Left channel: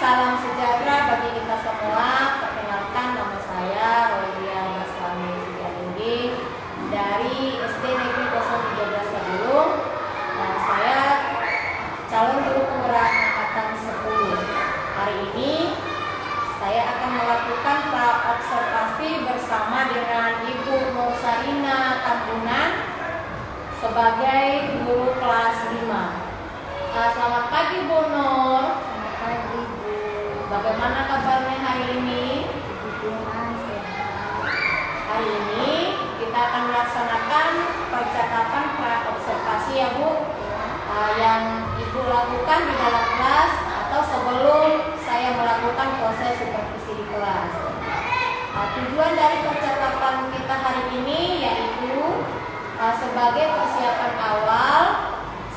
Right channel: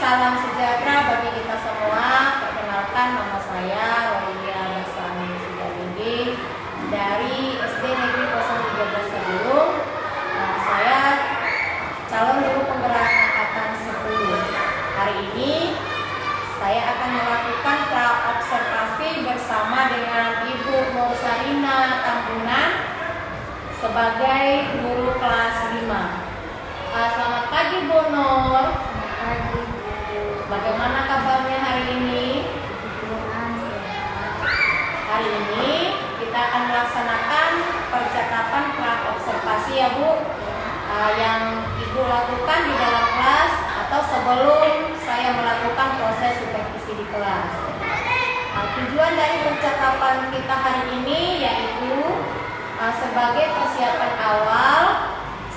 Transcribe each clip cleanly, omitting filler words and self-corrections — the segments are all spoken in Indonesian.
salam sejahtera bagi kita semua. Perkenalkan, nama saya Rolia Basani Sujadindi dari SD Negeri 013 Sabulung. Saya calon guru penggerak angkatan 10. Hari ini saya akan melakukan pra-observasi bersama dengan Ibu Nur Sarina Tambunan sebagai guru kelas 5. Selamat pagi Bu Nur. Selamat pagi Bu. Bagaimana kabarnya hari ini? Hari ini kita akan melaksanakan percakapan pra-observasi ya Bu, yang Ibu lakukan di dalam kelas atau sebelum saya melakukan proses supervisi di kelas. Tujuan dari percakapan kita hari ini yaitu sebagai persiapan awal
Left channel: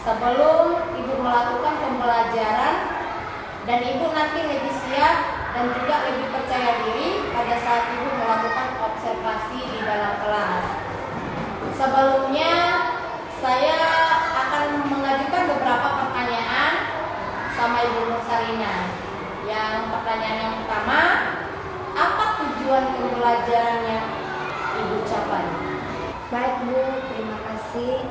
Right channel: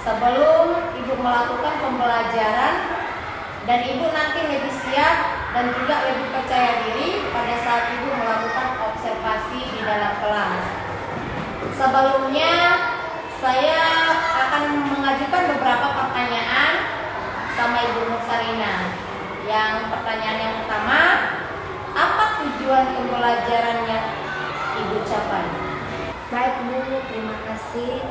sebelum Ibu melakukan pembelajaran dan Ibu nanti lebih siap dan juga lebih percaya diri pada saat Ibu melakukan observasi di dalam kelas. Sebelumnya saya akan mengajukan beberapa pertanyaan sama Ibu Nur Sarina. Yang pertanyaan yang pertama, apa tujuan pembelajaran yang Ibu capai? Baik Bu, terima kasih.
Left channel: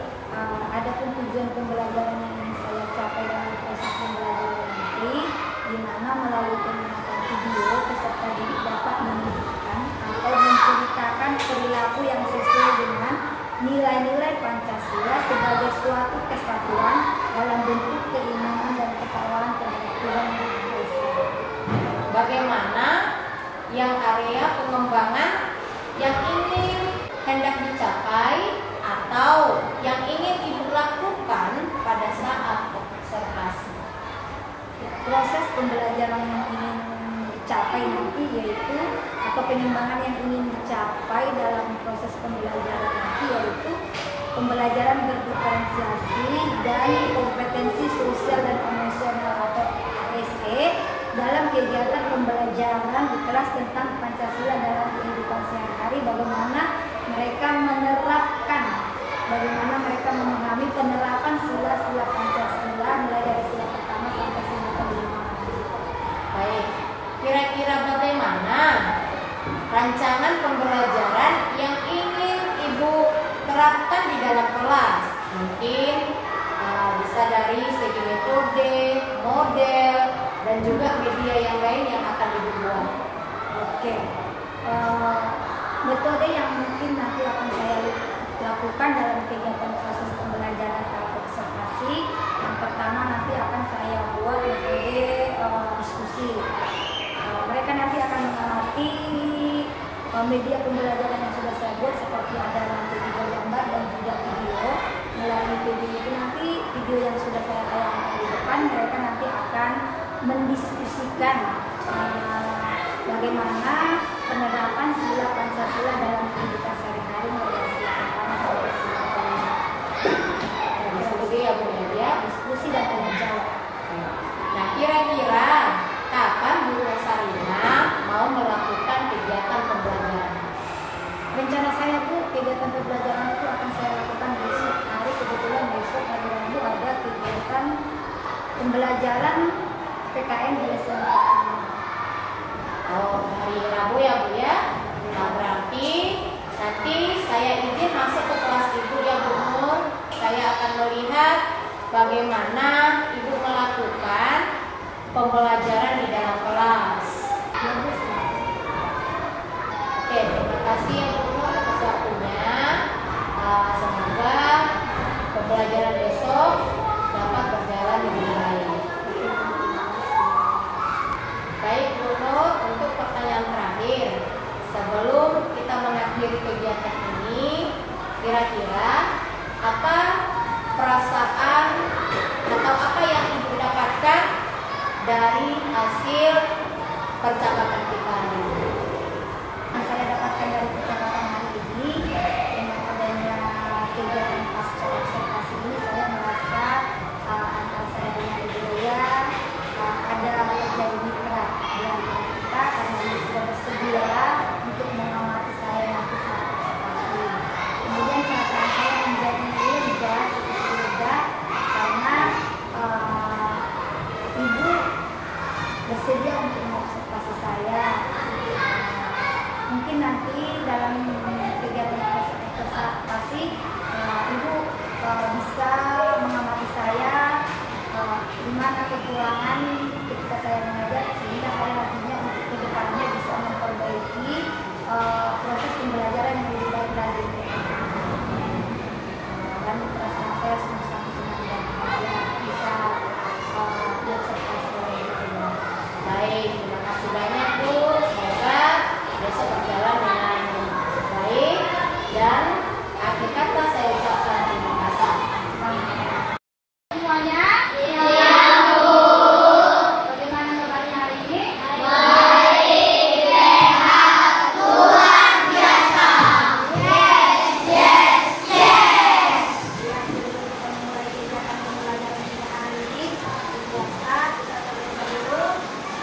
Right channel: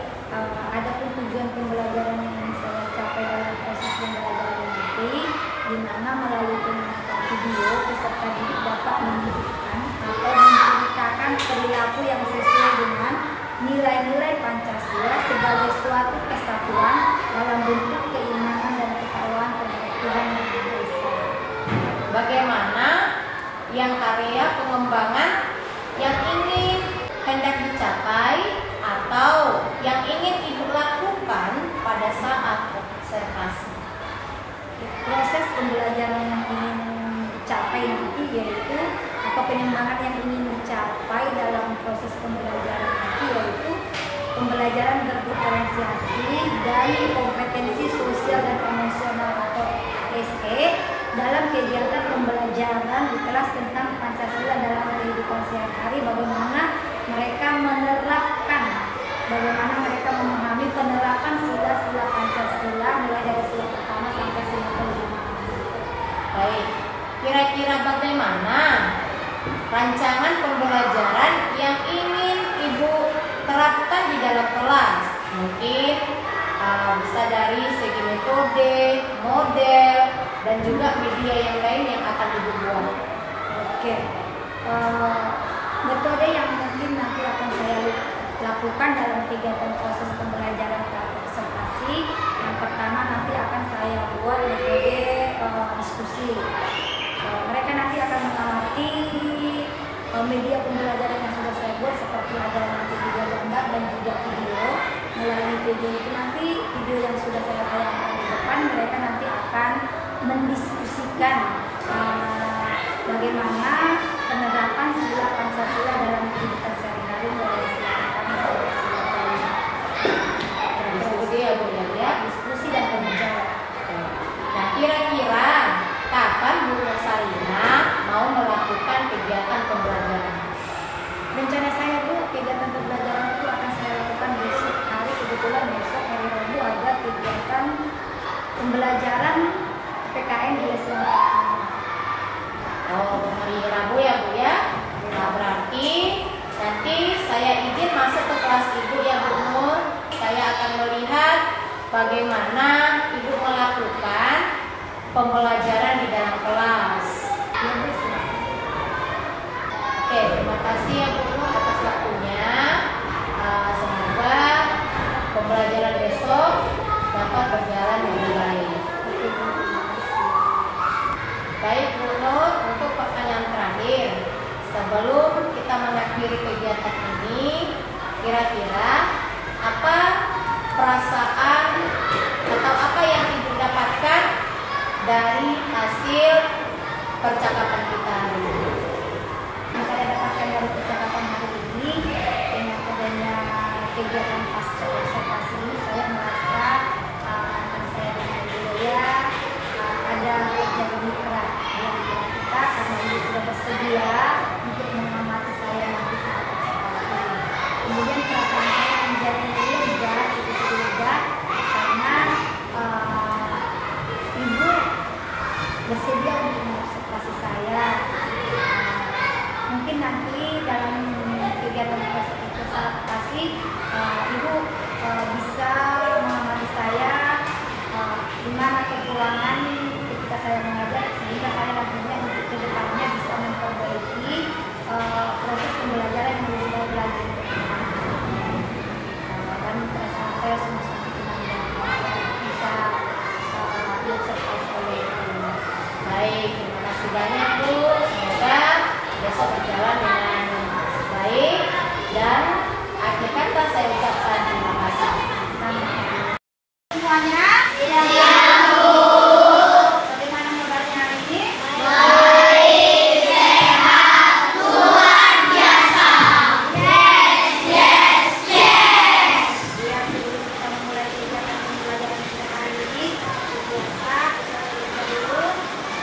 Adapun tujuan pembelajaran yang saya capai dalam proses pembelajaran nanti, di mana melalui pengamatan video peserta didik dapat menunjukkan atau menceritakan perilaku yang sesuai dengan nilai-nilai Pancasila sebagai suatu kesatuan dalam bentuk keimanan dan ketakwaan kepada Tuhan Yang Maha Esa. Bagaimana yang area pengembangan yang ingin hendak dicapai atau yang ingin Ibu lakukan pada saat observasi? Proses pembelajaran yang ingin dicapai nanti yaitu atau pengembangan yang ingin dicapai dalam proses pembelajaran nanti yaitu pembelajaran berdiferensiasi dan kompetensi sosial dan emosional atau ASE dalam kegiatan pembelajaran di kelas tentang Pancasila dalam kehidupan sehari-hari, bagaimana mereka menerapkan, bagaimana mereka memahami penerapan sila-sila Pancasila mulai dari sila pertama sampai sila kelima. Baik, kira-kira bagaimana rancangan pembelajaran yang ingin Ibu terapkan di dalam kelas? Mungkin bisa dari segi metode, model, dan juga media yang lain yang akan Ibu buat. Oke, metode yang mungkin nanti akan saya lakukan dalam kegiatan proses pembelajaran saat observasi, yang pertama nanti akan saya buat metode diskusi. Mereka nanti akan mengamati media pembelajaran yang sudah saya buat, seperti ada nanti video gambar dan juga video. Melalui video itu nanti, video yang sudah saya tayangkan di depan, mereka nanti akan mendiskusikan bagaimana penerapan sila Pancasila dalam kehidupan sehari-hari mulai sila pertama sampai sila kelima. Diskusi ya Bu ya? Diskusi dan penjawab. Nah, kira-kira kapan Bu Nur Sarina mau melakukan kegiatan pembelajaran? Rencana saya Bu, kegiatan pembelajaran itu akan saya lakukan besok hari. Kebetulan besok hari Rabu ada kegiatan pembelajaran PKN di SMA. Oh, hari Rabu ya Bu ya? Nah, berarti nanti saya izin masuk ke kelas Ibu ya Bu Nur. Saya akan melihat bagaimana Ibu melakukan pembelajaran di dalam kelas. Ya Bu. Oke, terima kasih ya Bu Nur atas waktunya. Semoga pembelajaran besok dapat berjalan dengan baik. Baik Bu Nur, untuk pertanyaan terakhir, sebelum kita mengakhiri kegiatan ini, kira-kira apa perasaan atau apa yang Ibu dapatkan dari hasil percakapan kita hari ini? Yang saya dapatkan dari percakapan hari ini, dengan adanya kegiatan pasca observasi ini, saya merasa antara saya dengan Ibu Loya ada terjadi mitra di antara kita, karena Ibu sudah bersedia untuk mengamati saya nanti saat observasi. Kemudian perasaan saya menjadi lega, sedikit lega, karena Ibu bersedia dalam kegiatan proses observasi Ibu bisa mengamati saya di mana kekurangan ketika saya mengajar, sehingga saya nantinya untuk kedepannya bisa memperbaiki proses pembelajaran yang lebih baik lagi. Dan perasaan saya sangat senang dan bahagia bisa diobservasi oleh Ibu. Baik, terima kasih banyak Bu. Semoga besok berjalan dengan baik, dan akhir kata saya ucapkan terima kasih. Semuanya, bagaimana kabarnya hari ini? Baik, sehat, luar biasa. Yes. Ya, sebelum kita memulai kegiatan pembelajaran kita hari ini, biasa kita dulu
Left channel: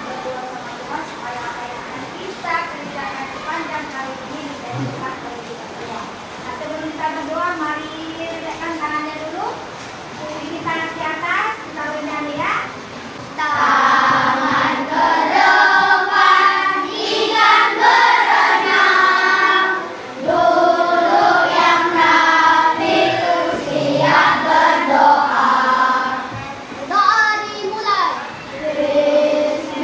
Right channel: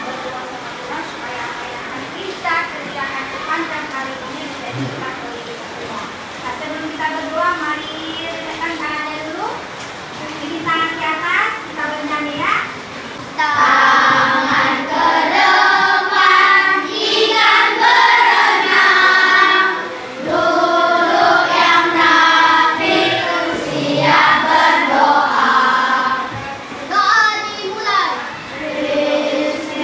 berdoa sama Tuhan supaya apa yang akan kita kerjakan sepanjang hari ini bisa diberkati oleh kita semua. Nah, sebelum kita berdoa, mari letakkan tangannya dulu. Ini tangan ke atas, kita bernyanyi ya. Tangan ke depan, ikan berenang. Duduk yang rapi, siap berdoa. Doa dimulai. Bismillahirrahmanirrahim.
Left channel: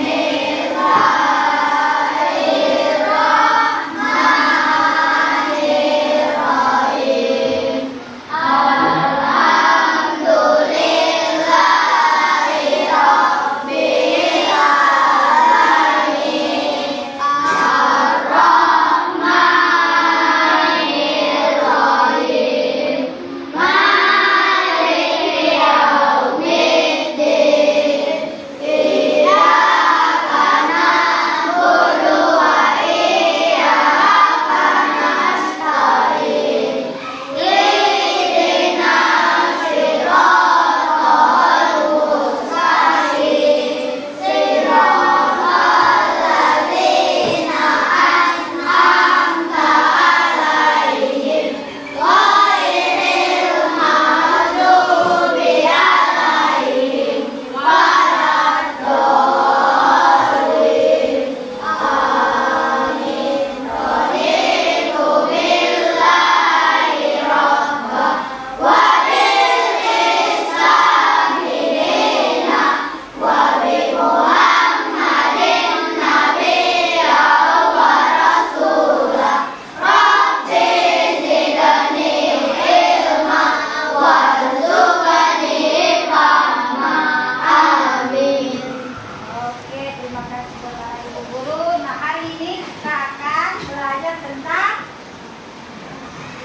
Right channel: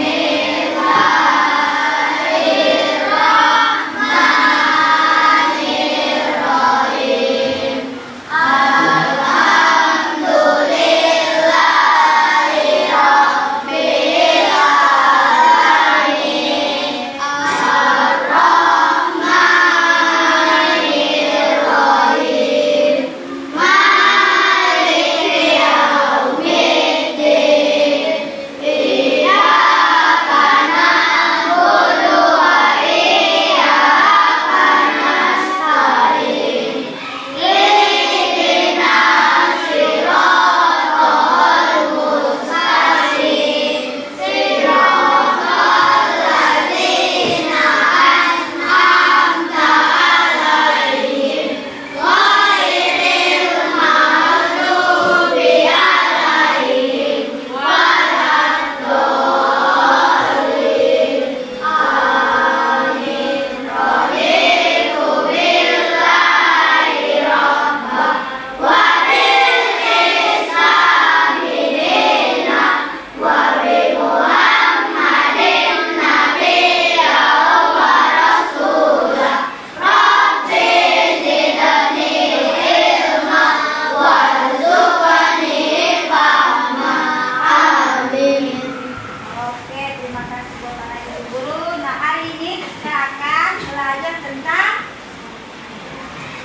Oke, terima kasih kepada Ibu Guru. Nah, hari ini kita akan belajar tentang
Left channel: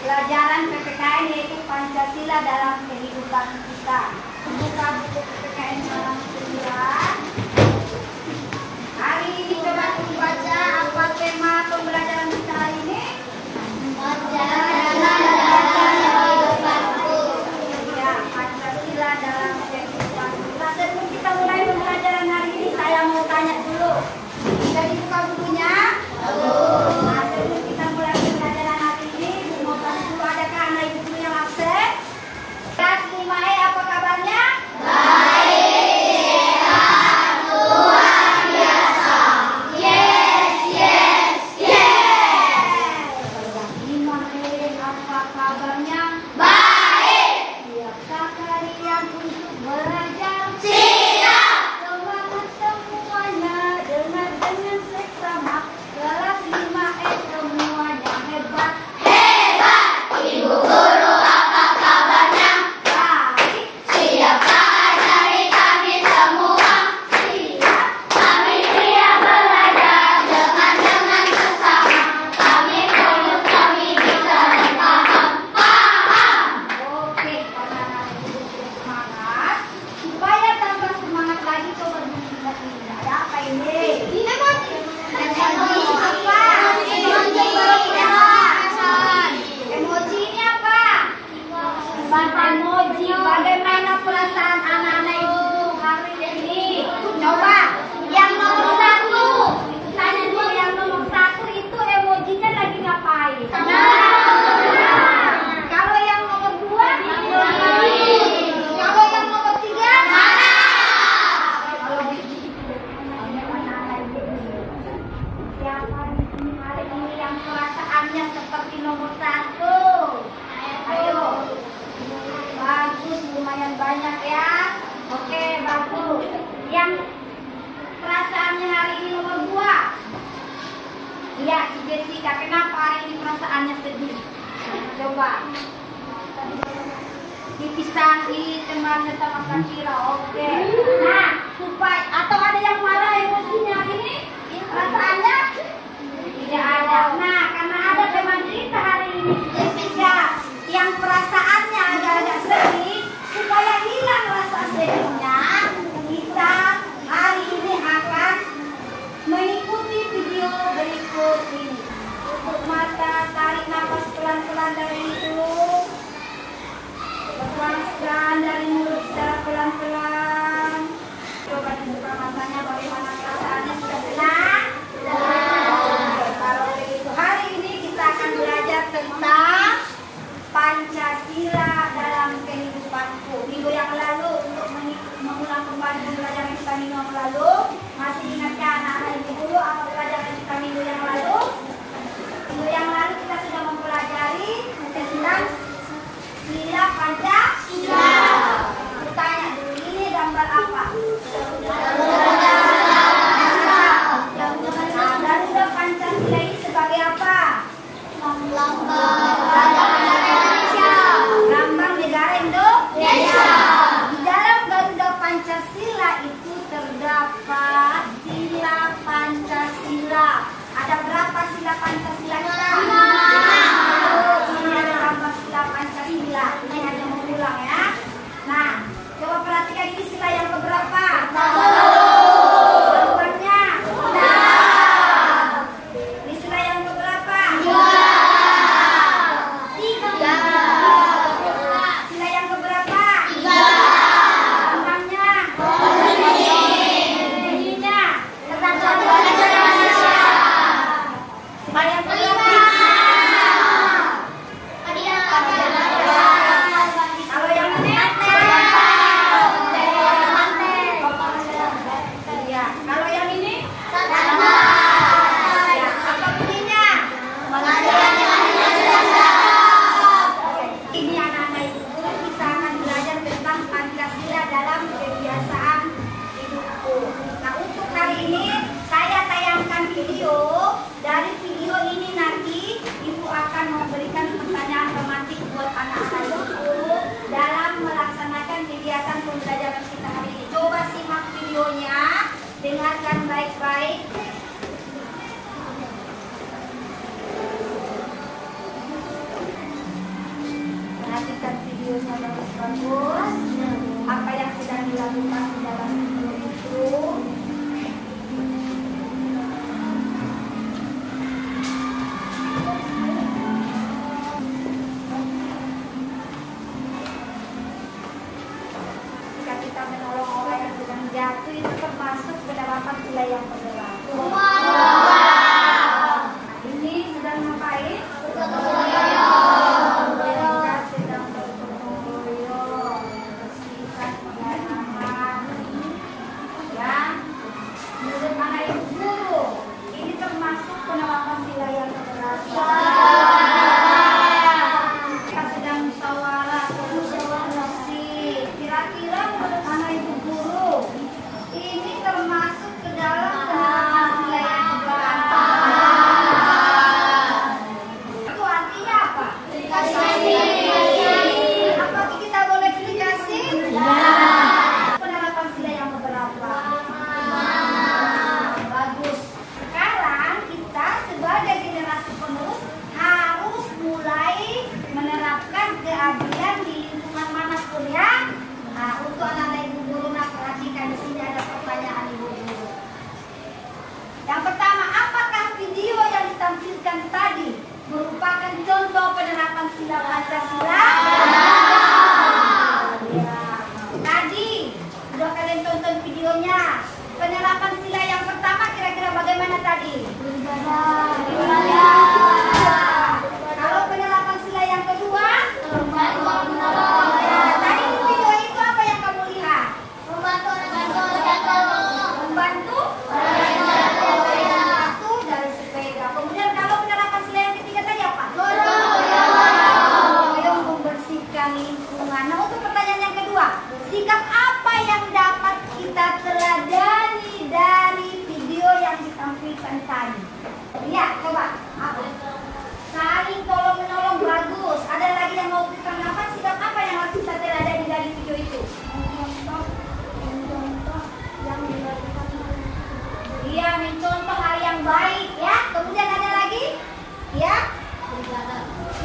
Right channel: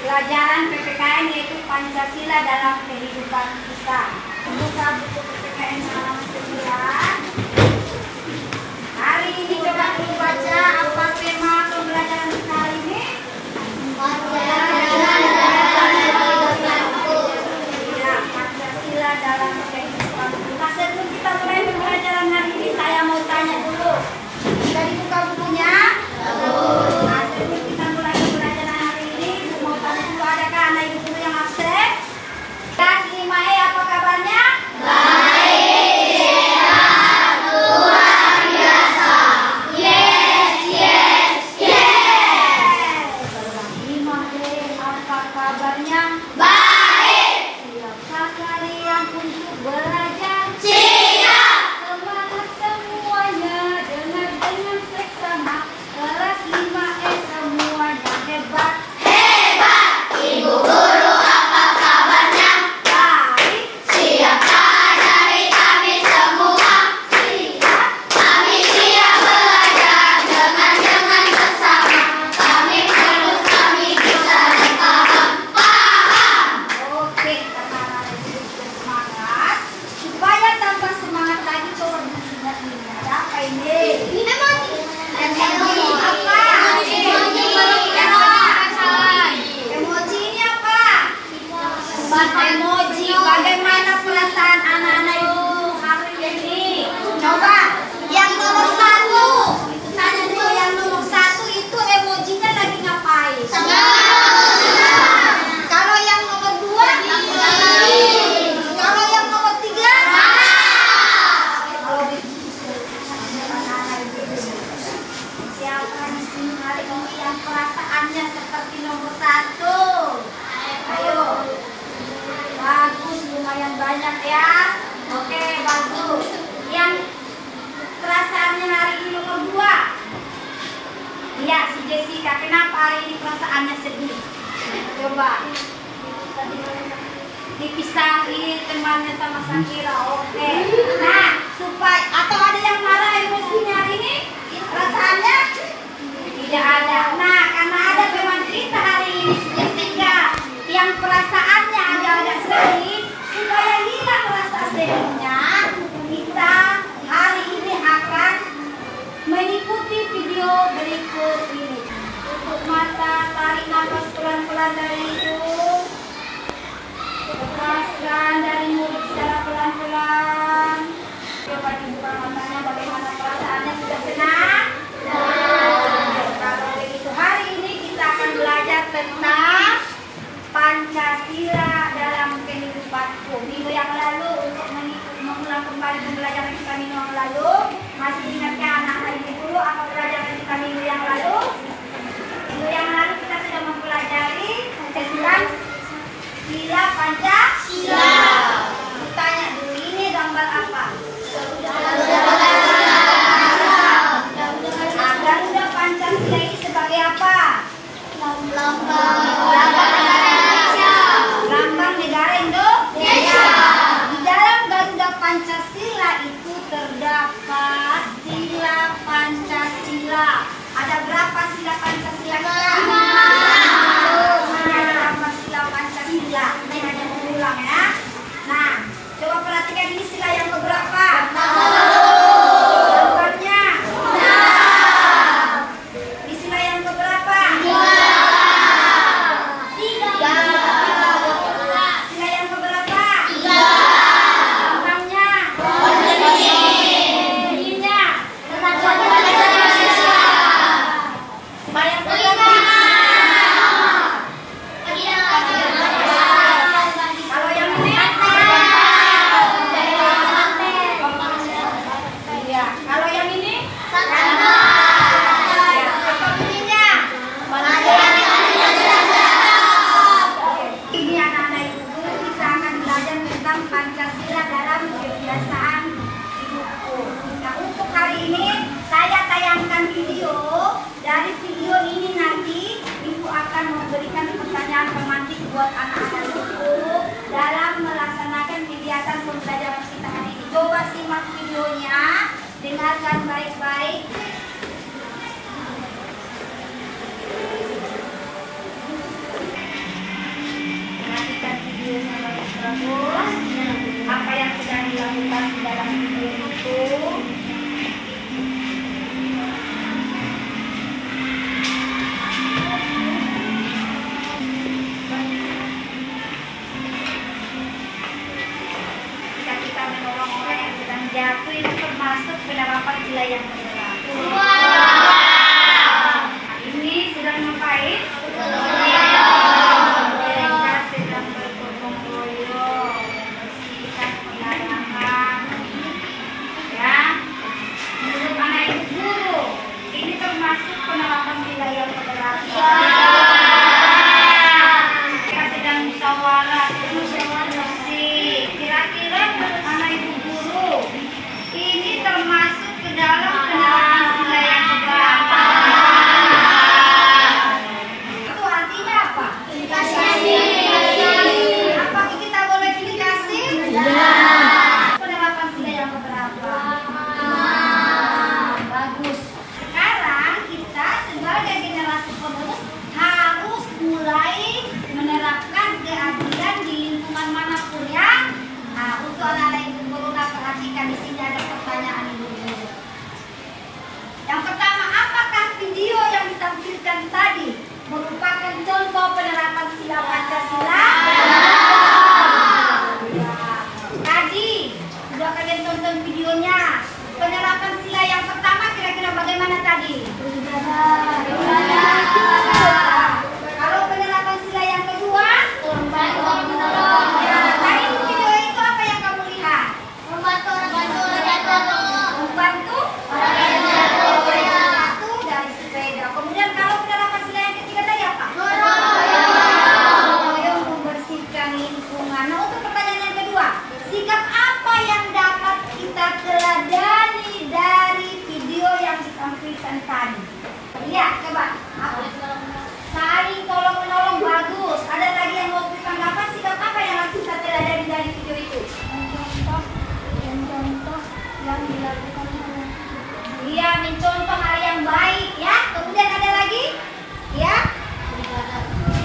pelajaran PPKN, yaitu Pancasila dalam kehidupan kita. Buka buku PPKN halaman 9. Hari ini coba dibaca apa tema pembelajaran kita hari ini. Ya, Pancasila dalam kehidupan kita. Sebelum kita mulai pembelajaran hari ini, saya mau tanya dulu. Sudah dibuka bukunya? Nah, sebelum kita mulai pembelajaran hari ini, mau tanya dulu, adakah anak ibu guru yang absen? Kelas 5E, apa kabarnya? Baik. banyak ya. Oke, bagus. Yang perasaannya hari ini nomor 2. Iya, si Jessica, kenapa hari ini perasaannya sedih? Coba. Dipisahi temannya sama Shakira. Oke. Nah, supaya atau ada yang marah emosinya hari ini? Perasaannya tidak ada. Nah, karena ada teman kita hari ini Jessica yang perasaannya agak-agak sedih, supaya hilang rasa sedihnya, kita hari ini akan mengikuti video berikut ini. Tutup mata, tarik nafas pelan-pelan dari hidung, lepaskan dari mulut secara pelan-pelan. Coba dibuka matanya, bagaimana perasaannya, sudah senang? Kalau begitu hari ini kita akan belajar tentang Pancasila dalam kehidupanku. Minggu yang lalu untuk mengulang kembali pembelajaran kita minggu yang lalu, masih ingatnya anak-anak ibu guru apa pelajaran kita minggu yang lalu? Minggu yang lalu kita sudah mempelajari tentang sila Pancasila. Tanya dulu, ini gambar apa? Garuda Pancasila ini sebagai apa? Lambang negara Indonesia. Di dalam Garuda Pancasila itu terdapat sila Pancasila. Ada berapa sila Pancasila kita? Ada berapa sila Pancasila? Ini hanya mengulang ya. Nah, coba perhatikan ini sila yang keberapa? Jawabannya. Ini sila yang keberapa? Sila yang keberapa? Lambangnya. Bunyinya. Sila yang keberapa? Kalau yang ini? Iya. Kalau yang ini? Ya, apa bunyinya? Ini anak-anak ibu guru, kita akan belajar tentang Pancasila dalam kebiasaan hidupku. Nah, untuk hari ini saya tayangkan video. Dari video ini nanti ibu akan memberikan pertanyaan romantis buat anak-anak ibu guru dalam melaksanakan kegiatan pembelajaran kita hari ini. Coba simak videonya, dengarkan baik-baik. Perhatikan videonya bagus-bagus. Apa yang sedang dilakukan di dalam video itu. Jika kita menolong orang yang sedang jatuh, itu termasuk ke dalam sila yang keberapa? Ini sedang ngapain? Mereka sedang bergotong royong, bersihkan pengalaman. Ya, menurut anak ibu guru, ini termasuk penerapan sila yang keberapa? Mereka sedang musyawarah, musik. Kira-kira menurut anak ibu guru, ini termasuk ke dalam penerapan sila tampilkan tadi. Iya, coba. Apa? Saling tolong menolong, bagus. Ada lagi yang mau ditanggapan? Sikap apa yang harus kita teladani dari video itu? Contoh yang dilakukan oleh Iya, mencontoh hal yang baik ya. Kemudian ada lagi? Ya.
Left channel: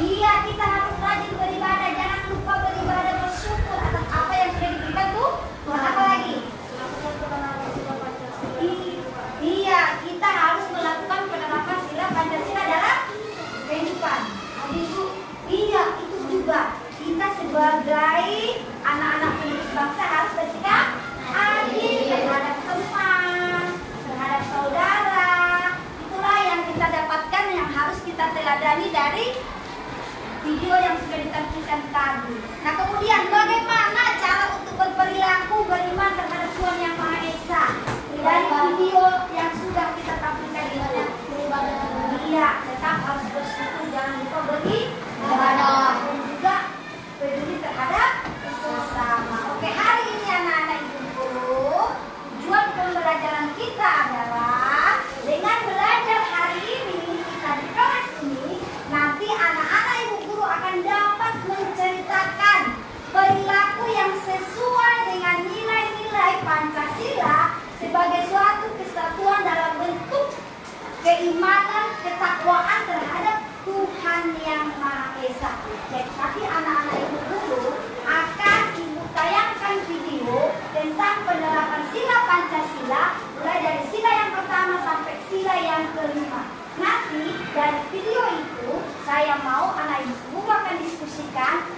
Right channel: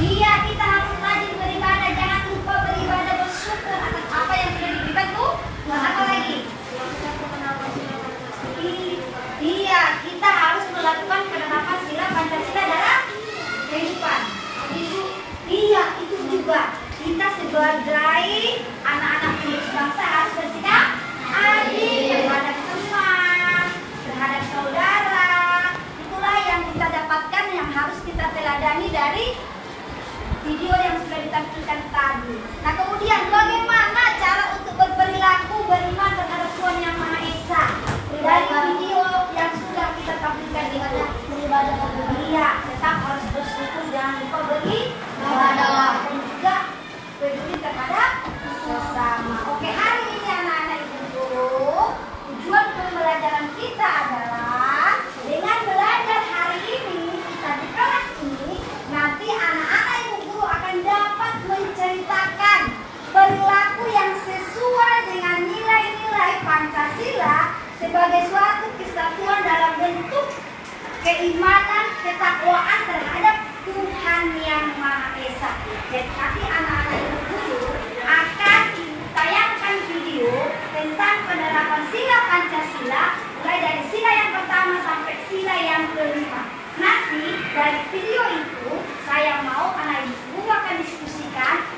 Iya, kita harus rajin beribadah. Jangan lupa beribadah, bersyukur atas apa yang sudah diberikan Bu. Dan apa lagi? Iya, kita harus melakukan penerapan sila Pancasila dalam kehidupan. Ibu, iya itu juga. Kita sebagai anak-anak penerus bangsa harus bersikap adil terhadap teman, terhadap saudara. Itulah yang kita dapatkan, yang harus kita teladani dari video yang sudah ditampilkan tadi. Nah, kemudian bagaimana cara untuk berperilaku beriman terhadap Tuhan Yang Maha Esa dari video yang sudah kita tampilkan itu? Iya, tetap harus bersyukur, jangan lupa beribadah dan juga peduli terhadap sesama. Oke, hari ini anak-anak ibu guru, tujuan pembelajaran kita adalah dengan belajar hari ini kita di kelas ini, nanti anak-anak ibu guru akan dapat menceritakan perilaku yang sesuai dengan nilai-nilai Pancasila sebagai suatu kesatuan dalam bentuk keimanan, ketakwaan terhadap Tuhan Yang Maha Esa. Jadi nanti anak-anak ibu guru akan ibu tayangkan video tentang penerapan sila Pancasila mulai dari sila yang pertama sampai sila yang kelima. Nanti dari video itu saya mau anak ibu guru akan diskusikan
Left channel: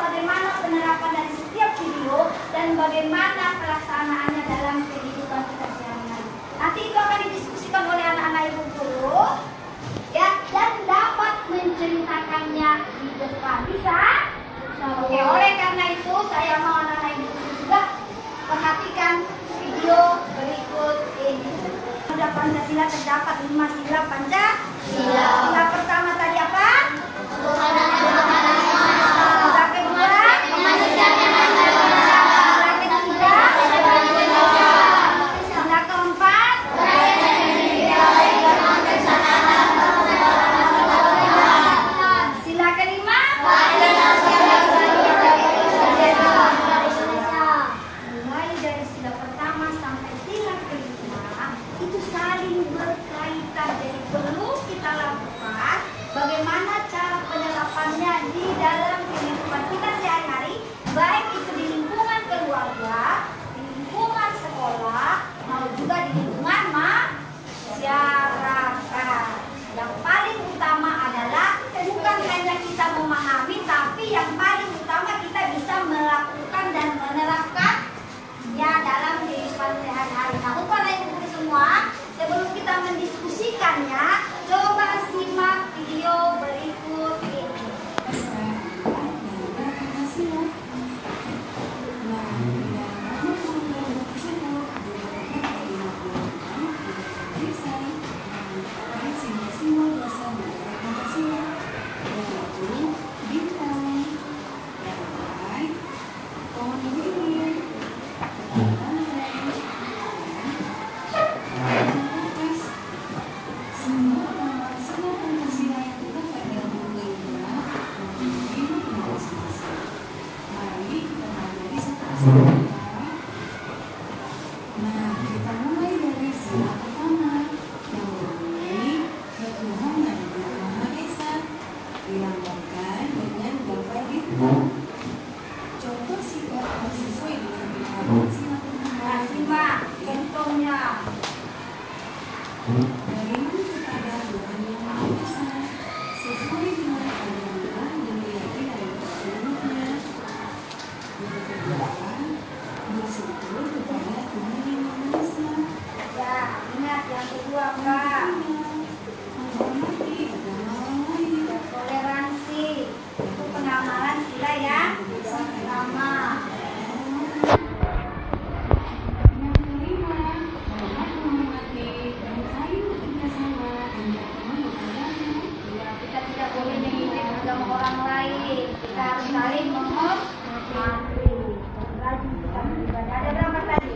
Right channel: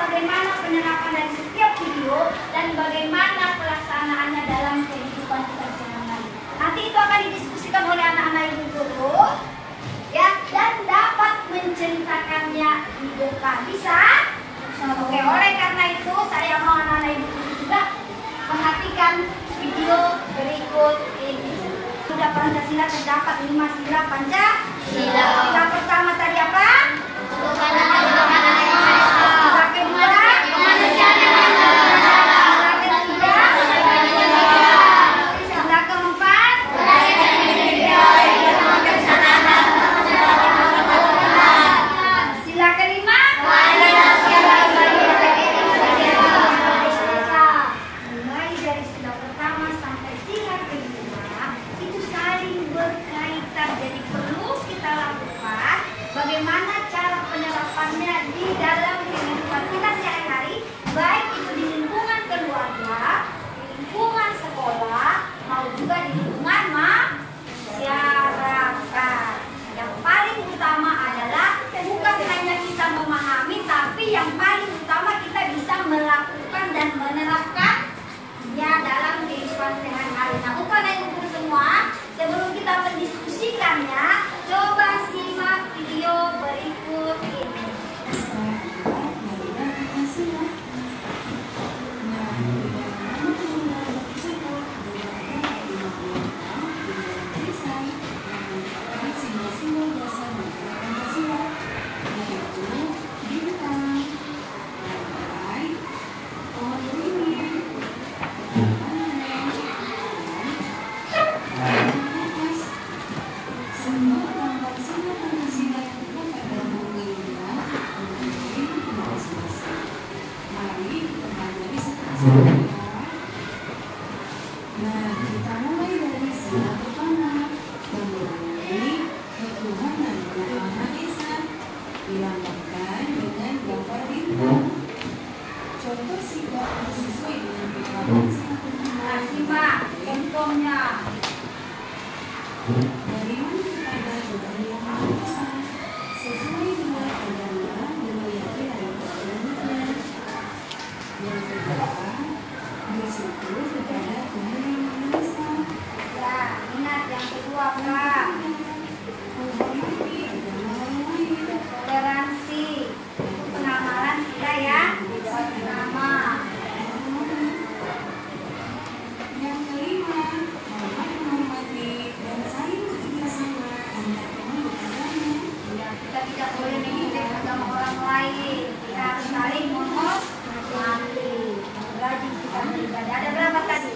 bagaimana penerapan dari setiap video dan bagaimana pelaksanaannya dalam kehidupan kita sehari-hari. Nanti itu akan didiskusikan oleh anak-anak ibu guru ya, dan dapat menceritakannya di depan. Bisa? Oke, oleh karena itu saya mau anak-anak ibu guru juga perhatikan video berikut ini. Sudah Pancasila terdapat 5 sila Pancasila. Sila pertama tadi apa? Sila kedua? Sila ketiga? Sila keempat? Sila kelima? Mulai dari sila pertama sampai sila kelima itu saling berkaitan, jadi perlu kita lakukan bagaimana cara penerapannya di dalam kehidupan kita sehari-hari, baik itu di lingkungan keluarga, di lingkungan sekolah, mau juga di lingkungan masyarakat. Yang paling utama adalah bukan hanya kita memahami, tapi yang paling utama kita bisa melakukan dan menerapkan ya dalam kehidupan sehari-hari. Nah, untuk anak ibu guru semua, sebelum kita mendiskusikannya, coba simak video berikut ini. Nah, kita mulai dari sila pertama, yang memulai ketuhanan Yang Maha Esa, dilambangkan dengan gambar bintang. Contoh sikap harus sesuai dengan penerapan sila pertama. Simak contohnya. Beriman kepada Tuhan Yang Maha Esa sesuai dengan agama yang meyakini kebenarannya. Yang kedua, bersyukur kepada Tuhan Yang Maha Esa. Ya, ingat yang kedua Kak. Menghormati agama orang lain. Toleransi. Itu pengamalan sila yang pertama. Yang kelima, menghormati dan saling bekerja sama antar teman beragama. Ya, kita tidak boleh mengikuti agama orang lain. Kita harus saling menghormati. Rajin kita beribadah. Ada berapa tadi?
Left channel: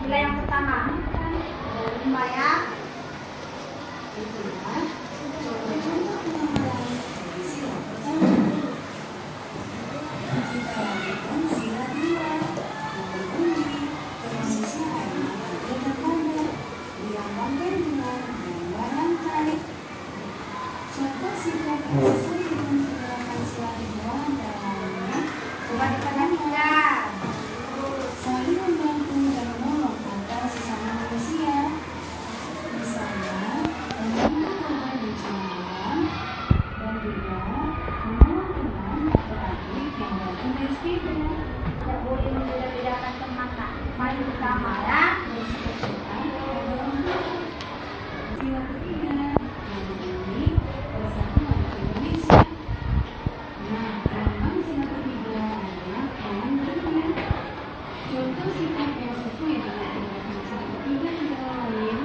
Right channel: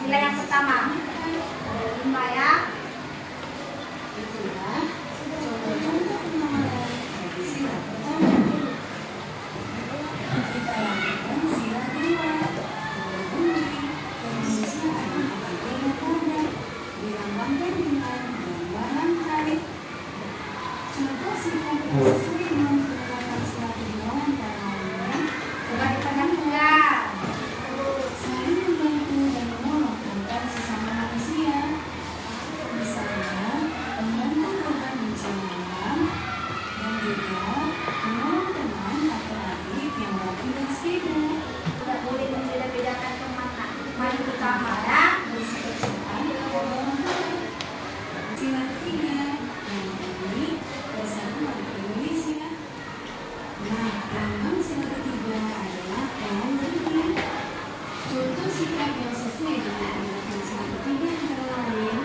Sila yang pertama. Ada 5 ya. Itulah contoh-contoh pemahaman dari sila pertama. Kita lanjutkan sila kedua, terpenuhi kemanusiaan yang adil dan adil, dilambangkan dengan gambaran tarik. Contoh sikap yang sesuai dengan penerapan sila kedua antara lain pertama, saling membantu dan menolong antar sesama manusia. Misalnya, membantu korban bencana dan juga menolong teman atau adik yang lagi bersibuk. Tidak boleh membeda-bedakan teman. Mari kita marah. Bersikap sopan kepada orang tua. Sila ketiga, yang ini persatuan Indonesia. Nah, lambang sila ketiga adalah pohon beringin. Contoh sikap yang sesuai dengan penerapan sila ketiga antara lain,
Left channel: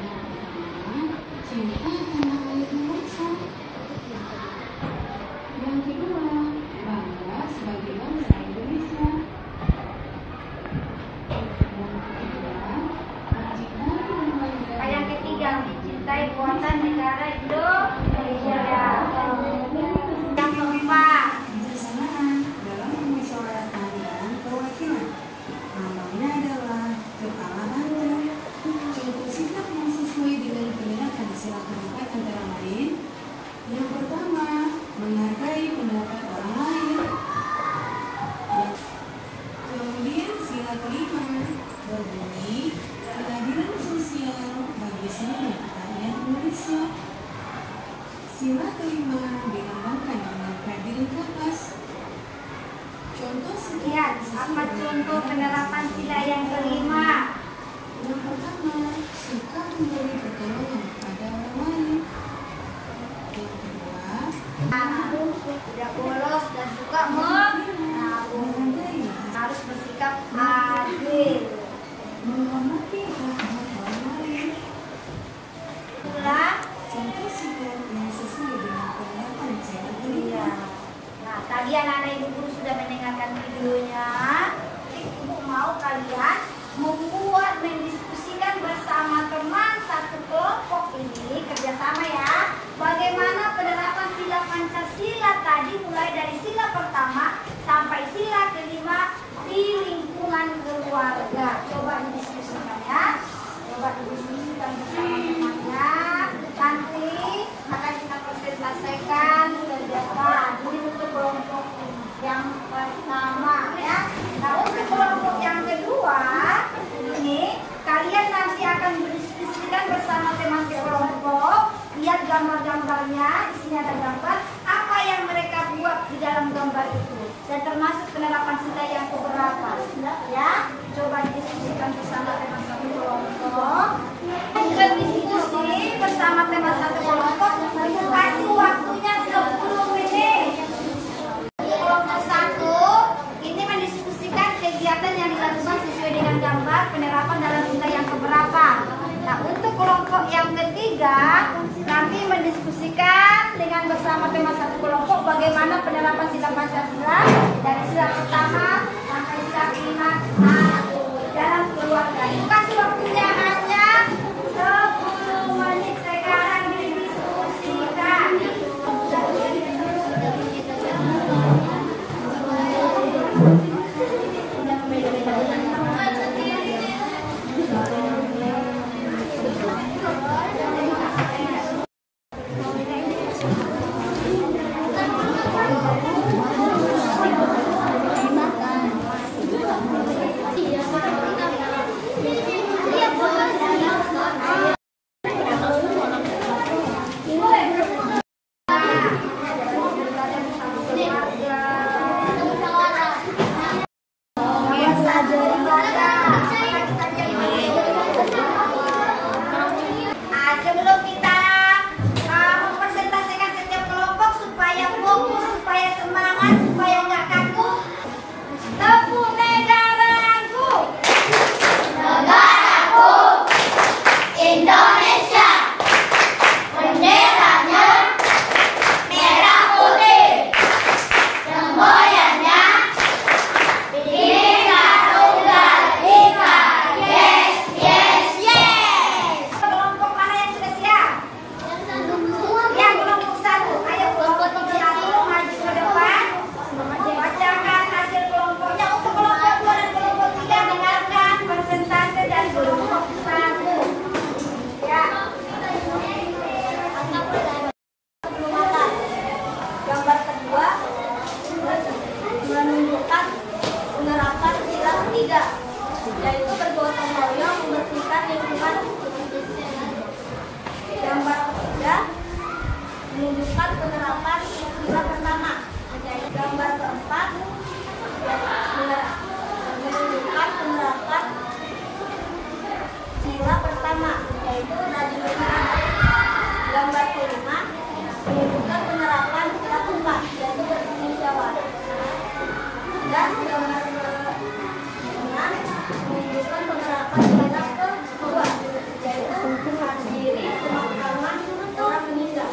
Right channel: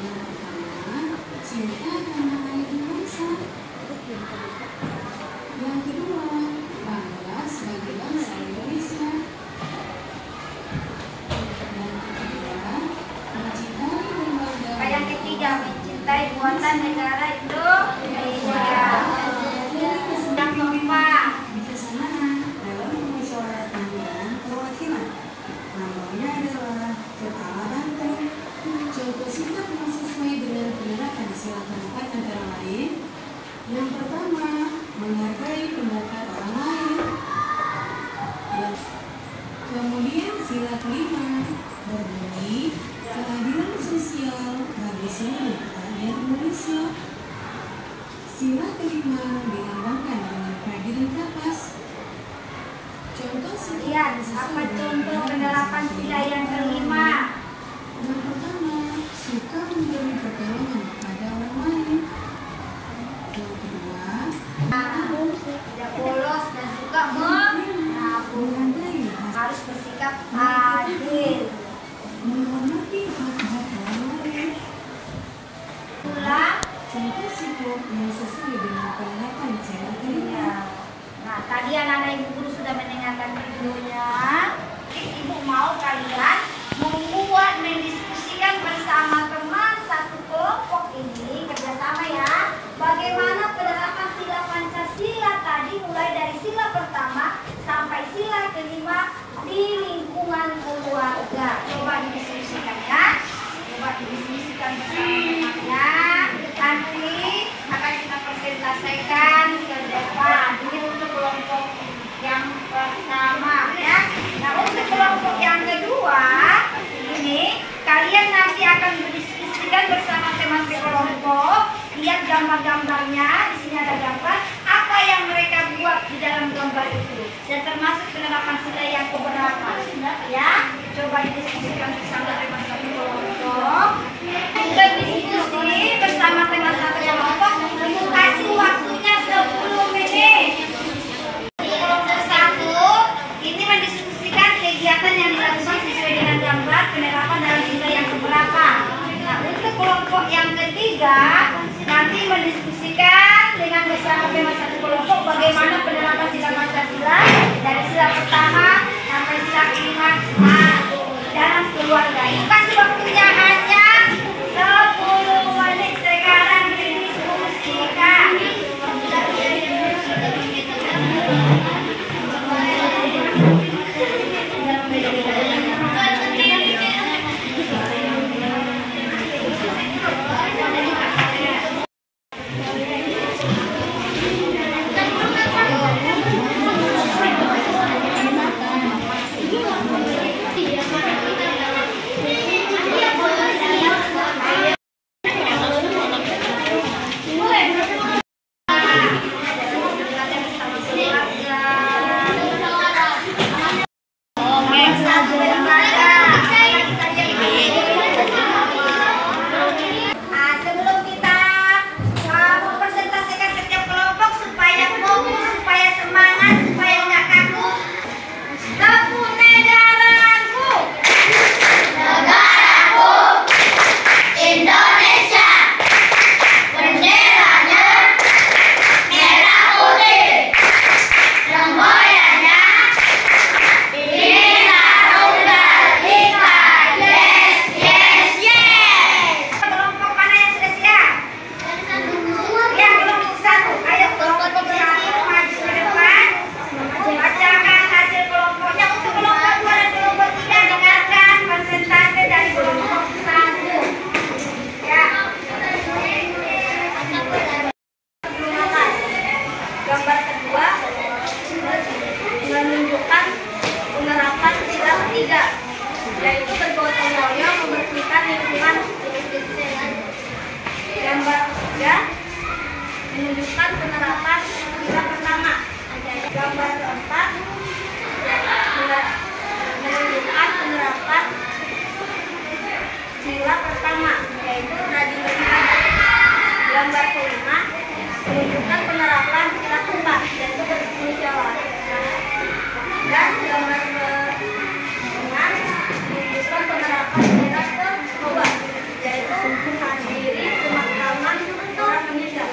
yang pertama, cinta tanah air bangsa. Yang kedua, bangga sebagai bangsa Indonesia. Yang ketiga, mencintai dan bangga. Yang ketiga, mencintai buatan negara Indonesia. Yang keempat, Kebersamaan dalam permusyawaratan dan perwakilan. Lambangnya adalah kepala banteng. Contoh sikap yang sesuai dengan penerapan sila keempat antara lain. Yang pertama, menghargai pendapat orang lain. Kemudian sila kelima berbunyi keadilan sosial bagi seluruh rakyat Indonesia. Sila kelima dilambangkan dengan prajurit kapas. Contoh lihat apa contoh penerapan sila yang kelima. Yang pertama, suka memberi pertolongan kepada orang lain. Yang kedua, Tidak bolos dan suka menabung. menghargai Harus bersikap adil. menghormati hak-hak orang lain. Itulah. Contoh sikap yang sesuai dengan penerapan sila kelima. Iya. Nah, tadi anak-anak ibu guru sudah mendengarkan videonya. Ibu mau kalian membuat mendiskusikan bersama teman satu kelompok ini kerjasama ya. Bagaimana penerapan sila Pancasila tadi mulai dari sila pertama sampai sila kelima di lingkungan keluarga. Coba didiskusikan ya. Coba didiskusikan bersama temannya. Nanti akan kita presentasikan ke depan. Ini untuk kelompok yang pertama ya. Nah, untuk kelompok yang kedua ini kalian nanti akan berdiskusikan bersama teman sekelompok. Lihat gambar-gambarnya. Di sini ada gambar apa yang mereka buat di dalam gambar itu dan termasuk penerapan sila yang keberapa ya. Coba didiskusikan bersama teman satu kelompok. Untuk diskusi bersama teman satu kelompok, ibu kasih waktunya 10 menit. Kelompok satu ini mendiskusikan kegiatan yang dilakukan sesuai dengan gambar penerapan dalam sila yang keberapa. Nah, untuk kelompok yang ketiga nanti mendiskusikan dengan bersama teman satu kelompok bagaimana penerapan sila Pancasila dari sila pertama sampai sila kelima dalam keluarga. Ibu kasih waktunya hanya 10 menit. Sekarang didiskusikan. Iya, yaitu rajin beribadah. Gambar kelima menunjukkan penerapan sila keempat, yaitu bertanggung jawab. Dan gambar keenam menunjukkan penerapan sila kedua, yaitu menghadiri pemakaman orang meninggal.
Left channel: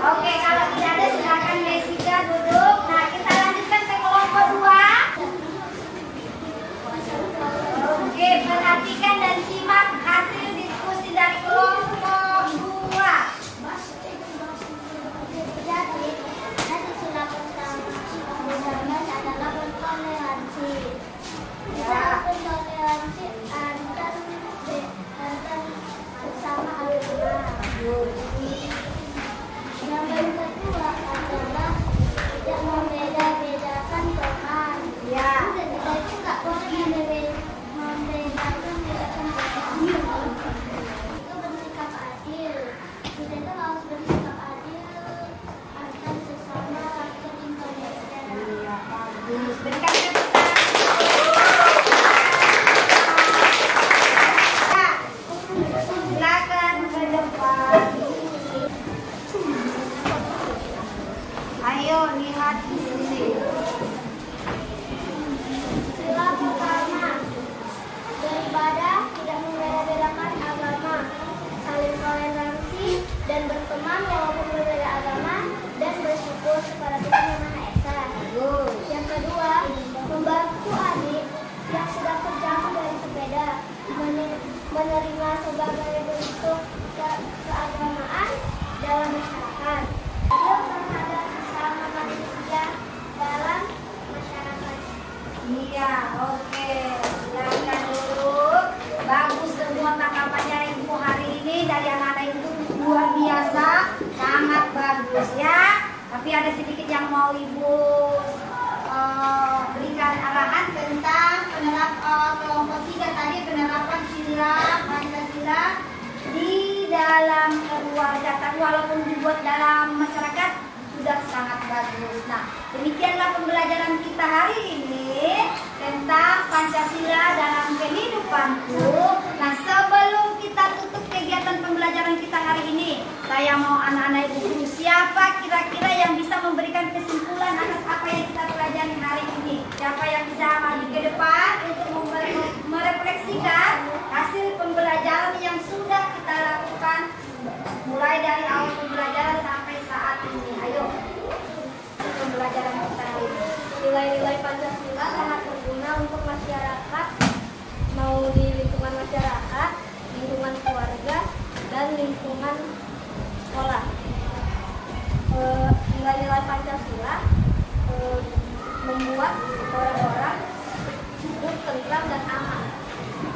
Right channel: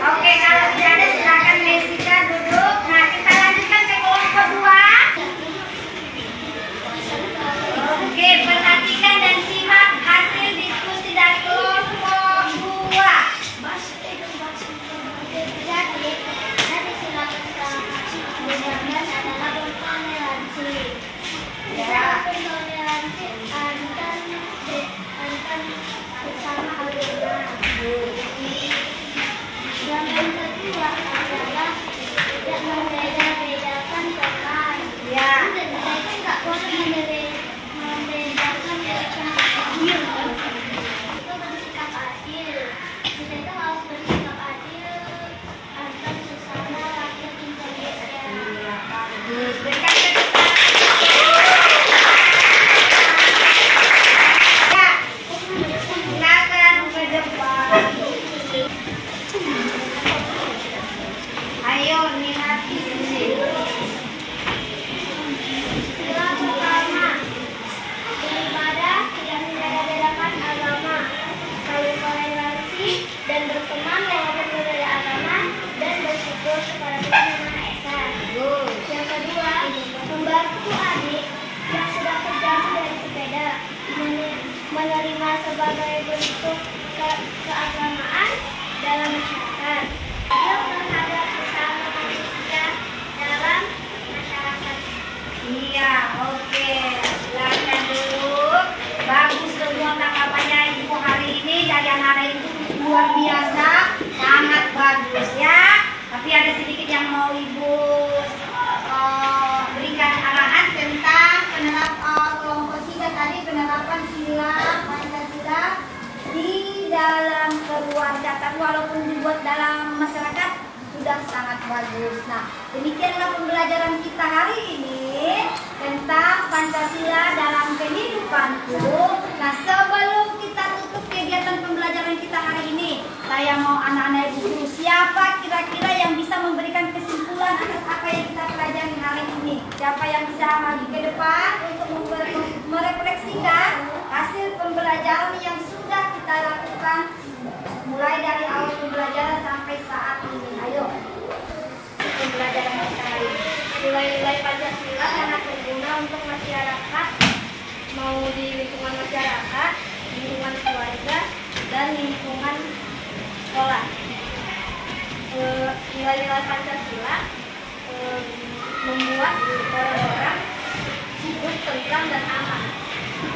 Oke, kalau tidak ada silakan Mesida duduk. Nah, kita lanjutkan ke kelompok 2. Oke, perhatikan dan simak hasil diskusi dari kelompok 2. Nanti silakan benar adalah toleransi. Toleransi antar sesama agama. Yang kedua adalah tidak membeda-bedakan teman. Ya. Kita itu nggak boleh membedakan teman. Itu bersikap adil. Kita itu harus bersikap adil antar sesama rakyat Indonesia. Iya, bagus. Berikan tepuk tangan. Ya, silakan ke depan. Ayo lihat di sini. Sila pertama, beribadah tidak membeda-bedakan agama, saling toleransi dan berteman walaupun berbeda agama, dan bersyukur kepada Tuhan Yang Maha Esa. Yang kedua, membantu adik yang sedang terjatuh dari sepeda, menerima sebagai bentuk keagamaan dalam masyarakat. Adil terhadap sesama manusia dalam masyarakat. Iya, oke. Silakan dulu. Bagus semua tanggapannya Ibu hari ini dari anak-anak itu luar biasa, sangat bagus ya. Tapi ada sedikit yang mau Ibu berikan arahan tentang penerapan kelompok 3 tadi, penerapan sila Pancasila di dalam keluarga. Tapi walaupun dibuat dalam masyarakat sudah sangat bagus. Nah, demikianlah pembelajaran kita hari ini tentang Pancasila dalam kehidupanku. Nah, sebelum kita tutup kegiatan pembelajaran kita hari ini, saya mau anak-anak Ibu guru, siapa kira-kira yang bisa memberikan kesimpulan atas apa yang kita pelajari hari ini? Siapa yang bisa maju ke depan untuk merefleksikan hasil pembelajaran yang sudah kita lakukan mulai dari awal pembelajaran sampai saat ini? Ayo, pembelajaran kita hari ini. Nilai-nilai Pancasila sangat berguna untuk masyarakat, mau di lingkungan masyarakat, lingkungan keluarga, dan lingkungan sekolah. Nilai-nilai Pancasila membuat orang-orang hidup tentram dan aman.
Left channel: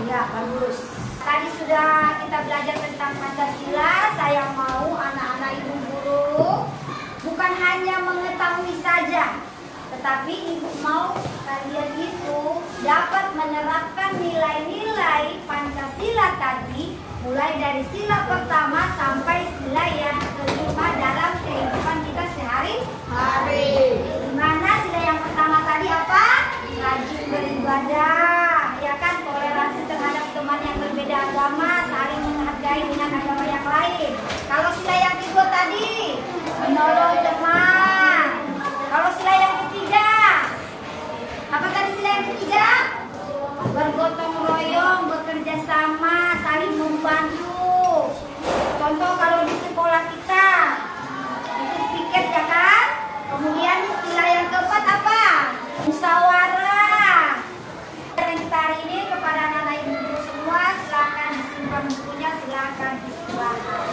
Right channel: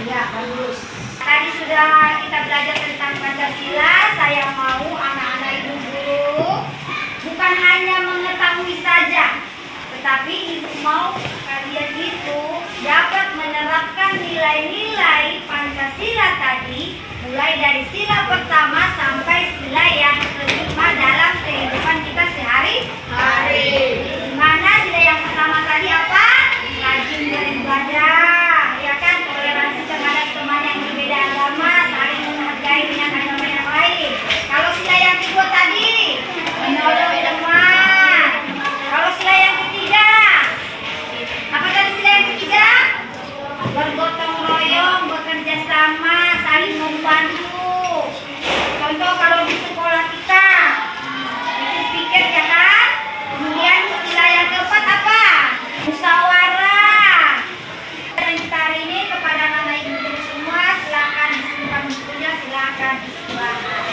Ya, bagus. Tadi sudah kita belajar tentang Pancasila. Saya mau anak-anak Ibu guru bukan hanya mengetahui saja, tetapi Ibu mau kalian itu dapat menerapkan nilai-nilai Pancasila tadi, mulai dari sila pertama sampai sila yang kelima dalam kehidupan kita sehari-hari. Dimana sila yang pertama tadi apa? Rajin beribadah, ya kan? Toleransi terhadap teman yang berbeda agama, saling menghargai dengan agama yang lain. Kalau sila yang kedua tadi, menolong teman. Kalau sila yang ketiga, apa tadi sila yang ketiga? Bergotong royong, bekerja sama, saling membantu. Contoh kalau di sekolah kita, pikir-pikir ya kan? Kemudian sila yang keempat apa? Musyawarah. Dan kita hari ini kepada anak-anak Ibu guru semua, silakan disimpan bukunya, silakan istirahat.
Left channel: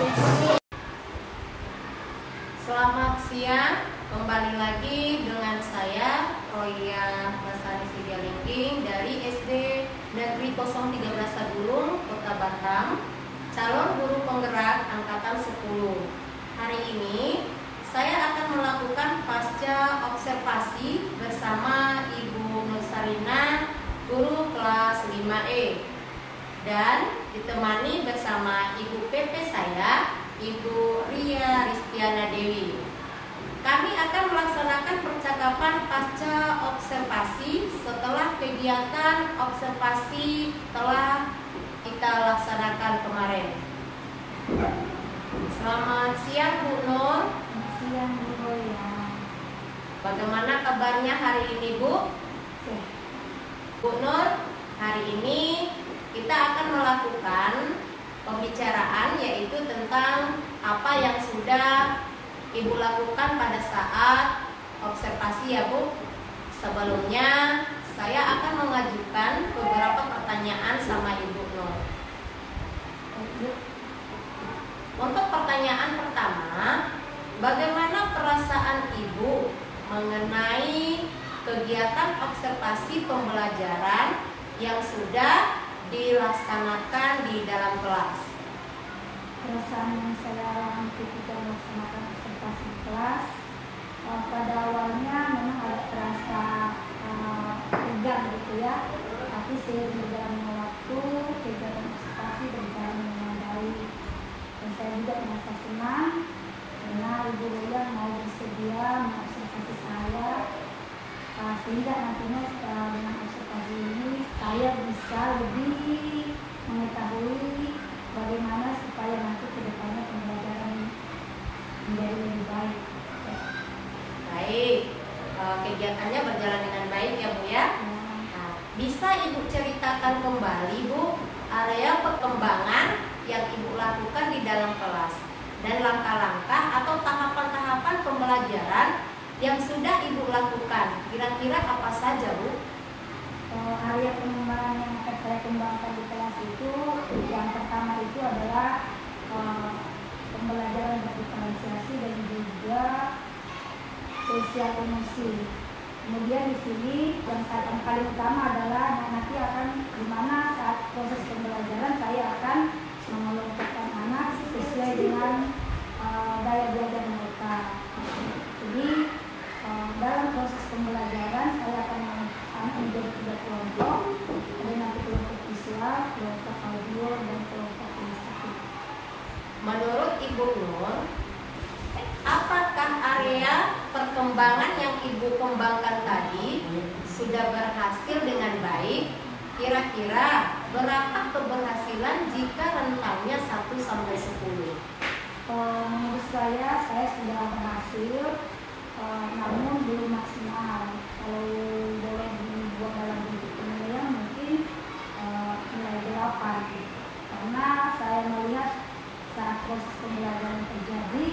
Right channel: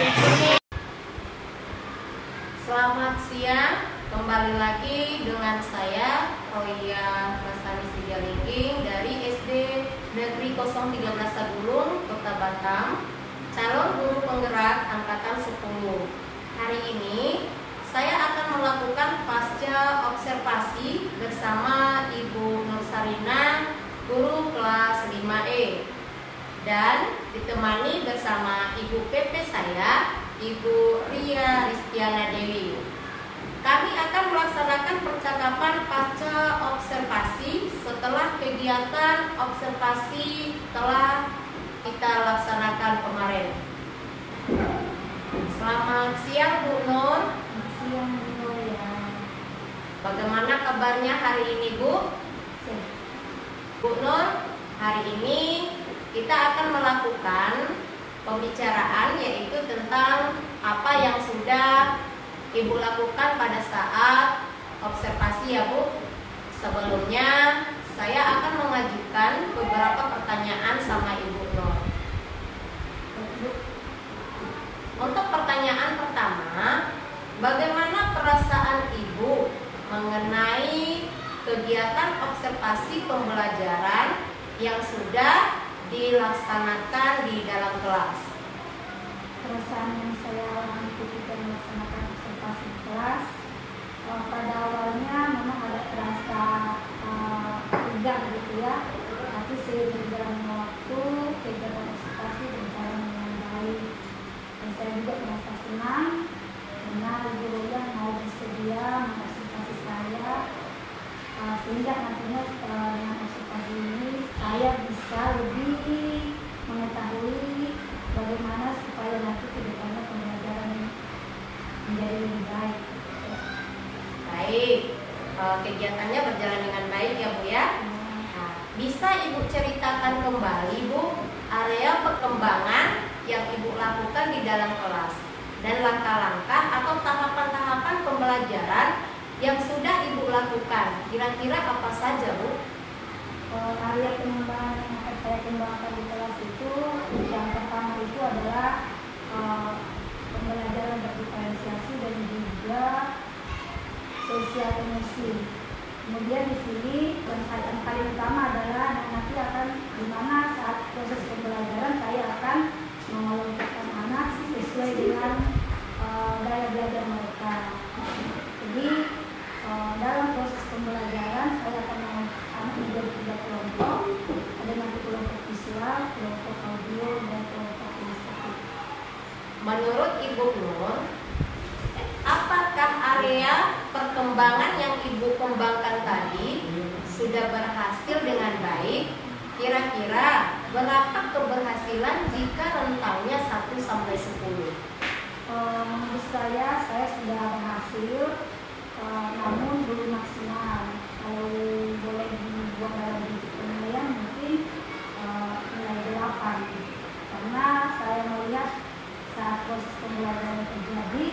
Selamat siang, kembali lagi dengan saya Roya Lestari Sigalingging dari SD Negeri 013 Sadulung, Kota Batam, calon guru penggerak angkatan 10. Hari ini saya akan melakukan pasca observasi bersama Ibu Nursarina, guru kelas 5E, dan ditemani bersama Ibu PP saya, Ibu Ria Ristiana Dewi. Kami akan melaksanakan percakapan pasca observasi setelah kegiatan observasi telah kita laksanakan kemarin. Selamat siang Bu Nur. Siang Bu ya. Bagaimana kabarnya hari ini Bu? Bu Nur, hari ini kita akan melakukan pembicaraan yaitu tentang apa yang sudah Ibu lakukan pada saat observasi ya Bu. Sebelumnya saya akan mengajukan beberapa pertanyaan sama Ibu Nur. Untuk pertanyaan pertama, bagaimana perasaan Ibu mengenai kegiatan observasi pembelajaran yang sudah dilaksanakan di dalam kelas? Perasaan yang saya ketika melaksanakan observasi kelas, pada awalnya memang ada terasa tegang gitu ya, tapi seiring berjalannya waktu kegiatan observasi berjalan dengan baik dan saya juga merasa senang karena Ibu Roya mau bersedia mengobservasi saya, sehingga nantinya dengan observasi ini saya bisa lebih mengetahui bagaimana supaya nanti ke depannya pembelajaran menjadi lebih baik. Baik, kegiatannya berjalan dengan baik ya Bu ya. Nah, bisa Ibu ceritakan kembali Bu area perkembangan yang Ibu lakukan di dalam kelas dan langkah-langkah atau tahapan-tahapan pembelajaran yang sudah Ibu lakukan. Kira-kira apa saja Bu? Area pengembangan yang akan saya kembangkan di kelas itu yang pertama itu adalah pembelajaran berdiferensiasi dan juga sosial emosi. Kemudian di sini yang paling utama adalah nanti akan dimana saat proses pembelajaran saya akan mengelompokkan anak sesuai dengan daya belajar mereka. Jadi dalam proses pembelajaran saya akan anak menjadi 3 kelompok, ada nanti kelompok visual, kelompok audio, dan kelompok kinestetik. Menurut Ibu Nur, apakah area perkembangan yang Ibu kembangkan tadi sudah berhasil dengan baik? Kira-kira berapa keberhasilan jika rentangnya 1 sampai 10? Menurut saya sudah berhasil, namun belum maksimal. Kalau boleh dibuat dalam bentuk penilaian mungkin nilai 8, karena saya melihat saat proses pembelajaran terjadi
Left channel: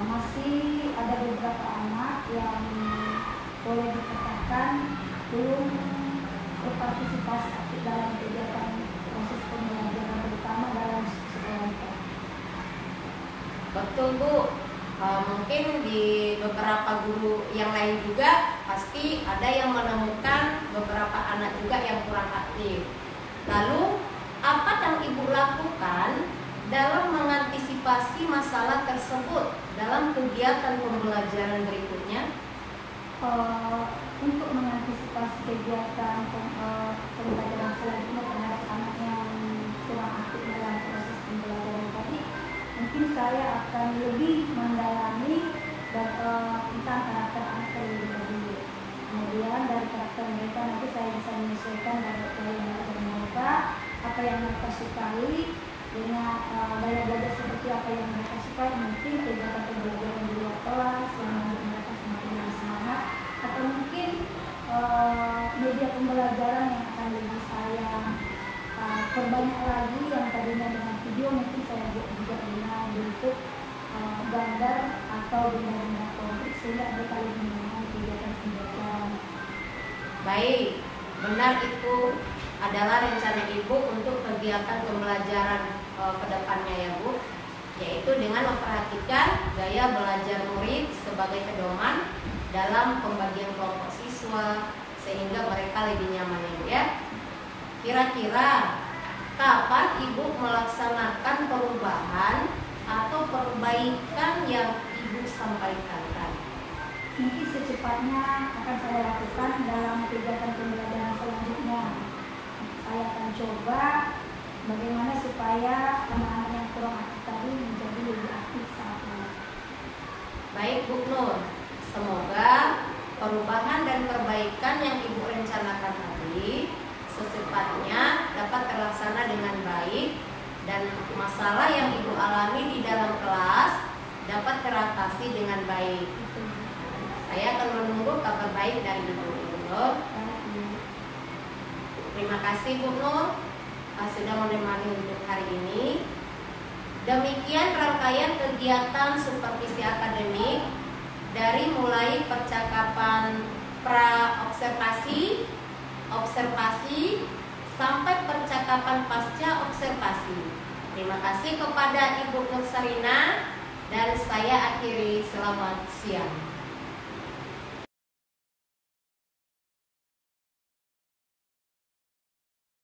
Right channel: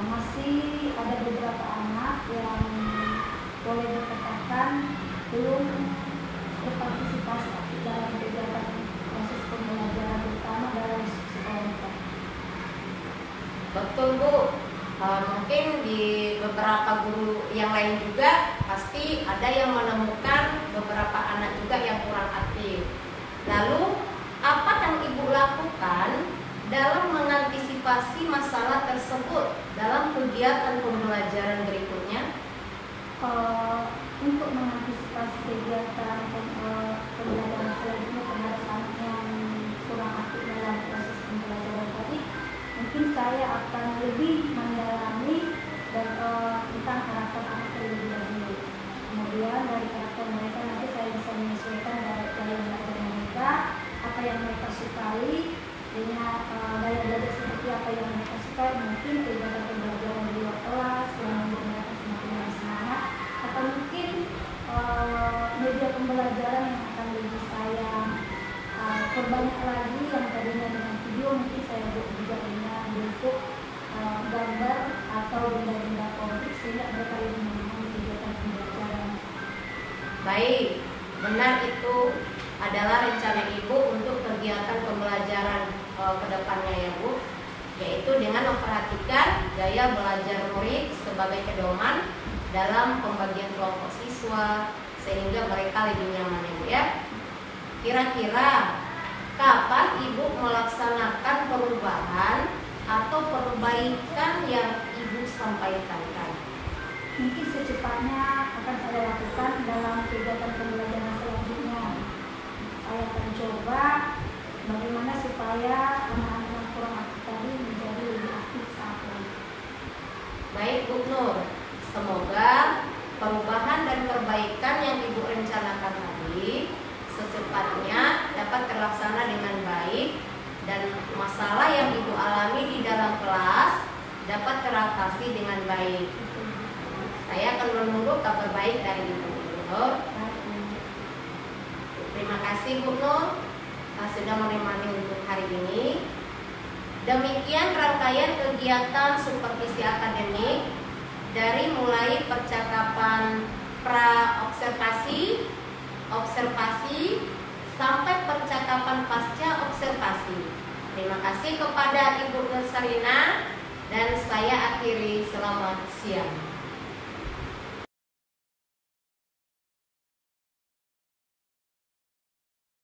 masih ada beberapa anak yang boleh dikatakan belum berpartisipasi dalam kegiatan proses pembelajaran, terutama dalam sekolah. Betul Bu. Mungkin di beberapa guru yang lain juga pasti ada yang menemukan beberapa anak juga yang kurang aktif. Lalu apa yang Ibu lakukan dalam mengantisipasi masalah tersebut dalam kegiatan pembelajaran berikutnya? Untuk mengantisipasi kegiatan pembelajaran selanjutnya terhadap anak yang kurang aktif dalam proses pembelajaran tadi, mungkin saya akan lebih mendalami dan tentang karakter anak terlebih dahulu. Kemudian dari karakter mereka nanti saya bisa menyesuaikan dari belajar mereka, apa yang mereka sukai, dengan daya belajar seperti apa yang mereka sukai. Mungkin kegiatan pembelajaran di luar kelas yang membuat mereka semakin bersemangat, atau mungkin media pembelajaran yang akan lebih saya perbanyak lagi, yang tadinya dengan video mungkin saya buat juga dengan bentuk gambar atau benda-benda konkret sehingga mereka lebih memahami kegiatan pembelajaran. Baik, benar itu adalah rencana Ibu untuk kegiatan pembelajaran ke depannya ya Bu, yaitu dengan memperhatikan gaya belajar murid sebagai pedoman dalam pembagian kelompok siswa sehingga mereka lebih nyaman ya Bu ya. Kira-kira kapan Ibu melaksanakan perubahan atau perbaikan yang Ibu sampaikan tadi? Mungkin secepatnya akan saya lakukan dalam kegiatan pembelajaran selanjutnya. Saya akan coba bagaimana supaya anak-anak yang kurang aktif tadi menjadi lebih aktif saat ini. Baik Bu Nur, semoga perubahan dan perbaikan yang Ibu rencanakan anaknya dapat terlaksana dengan baik dan masalah yang Ibu alami di dalam kelas dapat teratasi dengan baik. Saya akan menunggu kabar baik dari Ibu Nur. Terima kasih Bu Nur sudah menemani untuk hari ini. Demikian rangkaian kegiatan supervisi akademik dari mulai percakapan pra-observasi, observasi, sampai percakapan pasca observasi. Terima kasih kepada Ibu Nur Sarina dan saya akhiri, selamat siang.